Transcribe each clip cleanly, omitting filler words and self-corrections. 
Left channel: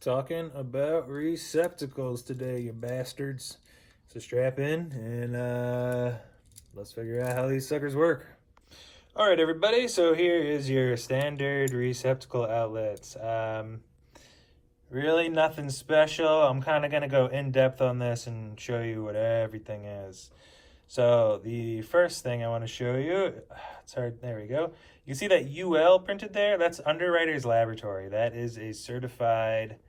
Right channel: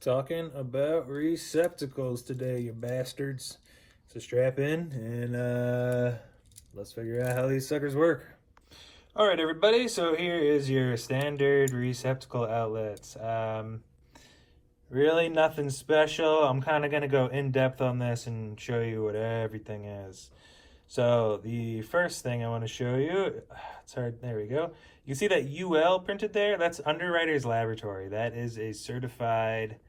Talking about receptacles today, you bastards. So strap in and let's figure out how these suckers work. All right, everybody. So here is your standard receptacle outlets. Really nothing special. I'm kind of going to go in depth on this and show you what everything is. So the first thing I want to show you, it's hard, there we go. You see that UL printed there? That's Underwriters Laboratory. That is a certified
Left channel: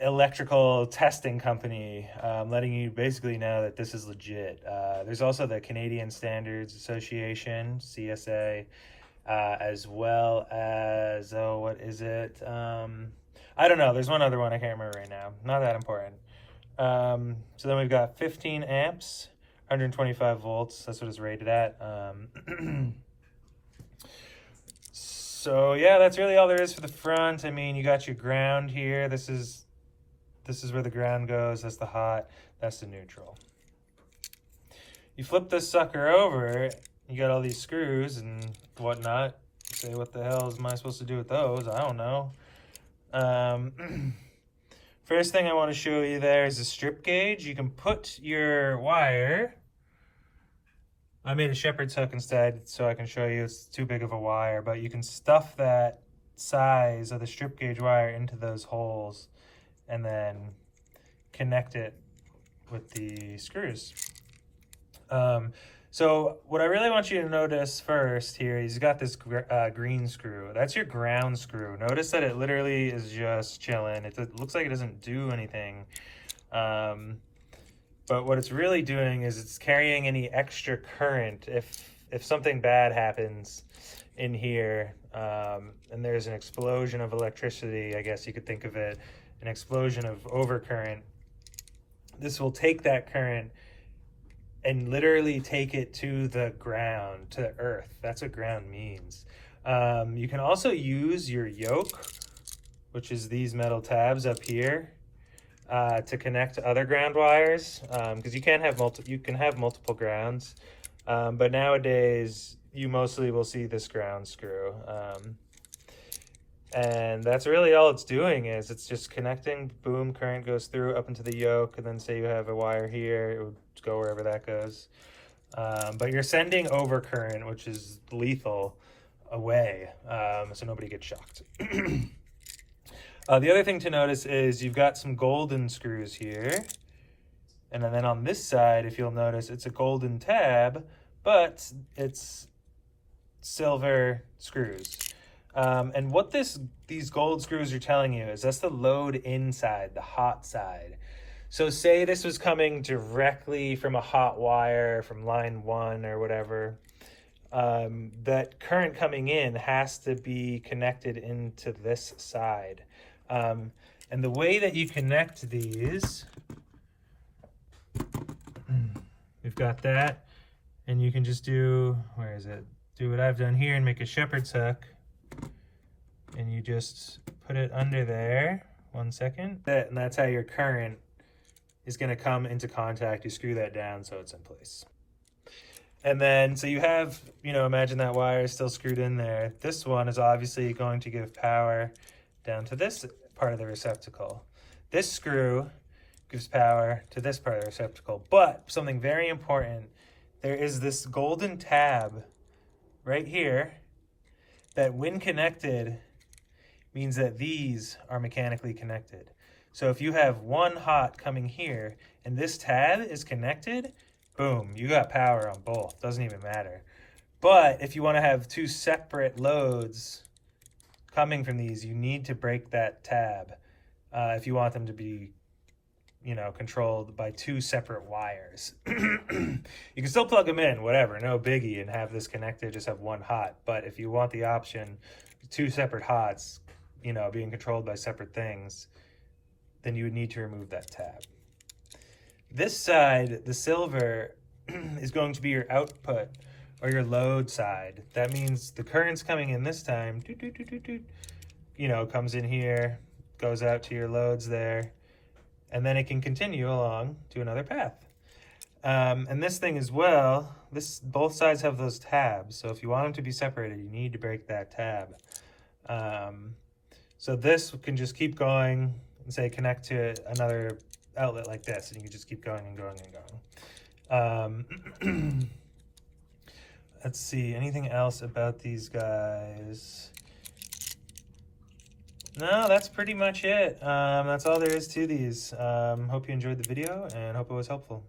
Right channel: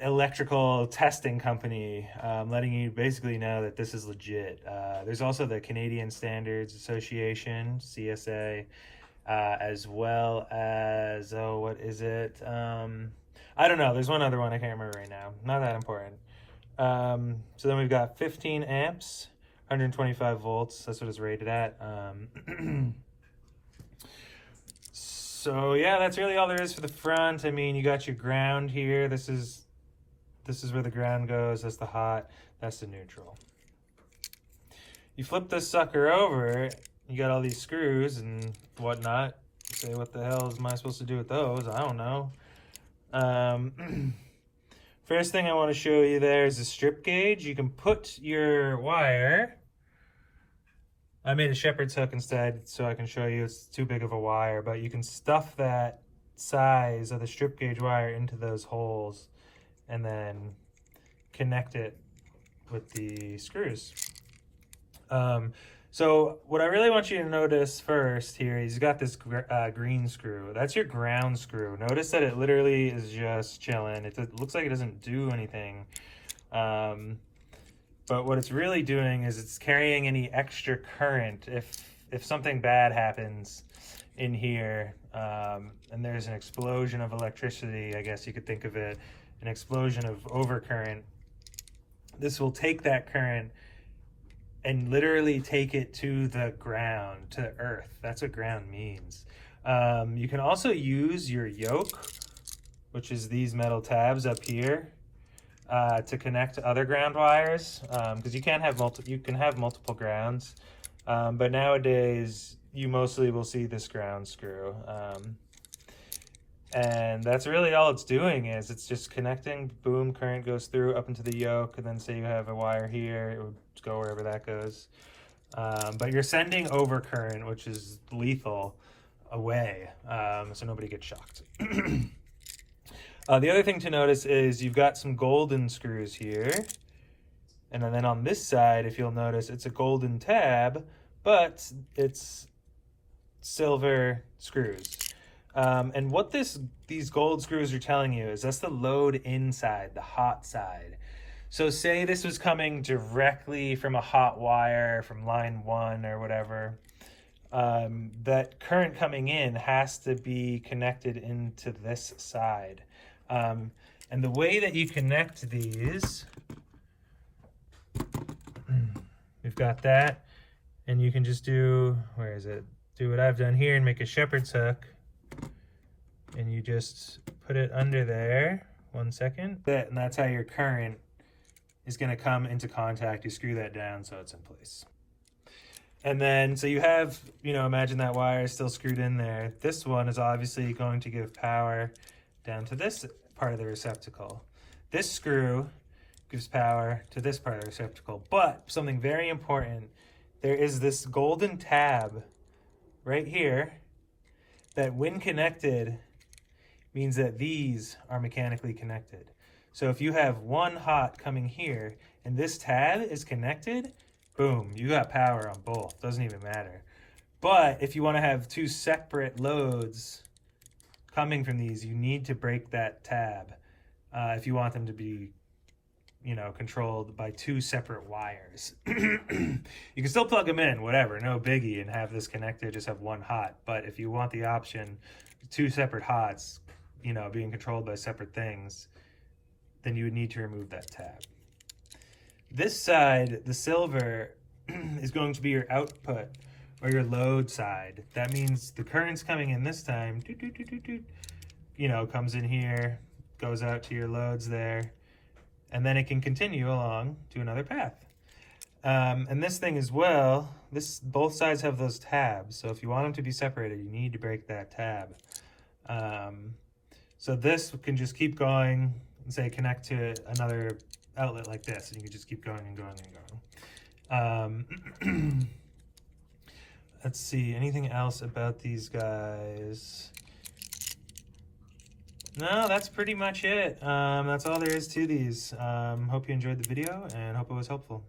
electrical testing company, letting you basically know that this is legit. There's also the Canadian Standards Association, CSA, as well as, oh, what is it? I don't know. There's one other one I can't remember right now. Not that important. So then we've got 15 amps, 125 volts. That's what it's rated at. So yeah, that's really all there is for the front. I mean, you got your ground here. This is where the ground goes. That's the hot. That's the neutral. You flip this sucker over, you got all these screws and whatnot. Say, what the hell am I supposed to do with those? I don't know. First thing I want to show you there is a strip gauge. You can put your wire. I made a shepherd's hook instead so I can show you. It's too big of a wire, but you can stuff that size of the strip gauge wire into those holes and then connect it with the screws. So what I really want you to notice first here is you got this green screw. That's your ground screw. Notice that it literally is just chilling. It looks like it doesn't do anything. But what it's really doing is it's carrying any extra current if something bad happens in here, and there's an explosion of electricity, I guess you could think of it, an explosion of overcurrent. This will take that current and literally take it to the ground, to the earth. That's what ground means. You can also use your yoke, which is these metal tabs up here, to connect to other ground wires, because you can have multiple grounds, but nowadays you mostly will see this ground screw. And that's really all it's doing, is it's just connecting. Boom, current goes through up into the yoke, and then say you have a wire here, it would go wherever that goes. But you're sending overcurrent, which is lethal, away, so nobody gets shocked. The other thing to notice is you've got some golden screws here, and then on this side, if you'll notice, it's a golden tab, but it's silver screws. And what these gold screws are telling you is that's the load inside, the hot side. So say this was coming directly from a hot wire from line 1 or whatever, that current coming in has to be connected into this side. And the way that you connect these, we've got that, and you can just do, where is it? Do what I've done here and make a shepherd's hook. And you just put it under there, 1 second. And that's how your current is gonna come into contact. You screw that down so it's in place. And then, so you have, imagine that wire is still screwed in there. This one is obviously going to give power down to this part of the receptacle. This screw gives power to this part of the receptacle. But something very important, there is this golden tab right here that when connected means that these are mechanically connected. So if you have one hot coming here and this tab is connected, boom, you got power on both. Doesn't even matter. But if you want to have two separate loads coming from these, you need to break that tab if you want them to be, controlled by two separate wires. You can still plug them in, whatever, no biggie, and have this connected, just have one hot. But if you want the option, two separate hots, being controlled by separate things, then you would need to remove that tab. This side, the silver, is going to be your output or your load side. That means the current's coming in this time, comes in here, goes out to your loads there, and then it can continue along to another path. And this thing as well, both sides have those tabs. So if you want them to be separated, you need to break that tab. So this can just keep going and say connect to another outlet like this, and you can just keep going and going and going. Let's see, anything else about these guys? No, that's pretty much it. That's all there is to these. Hope you enjoyed the video and hope it was helpful.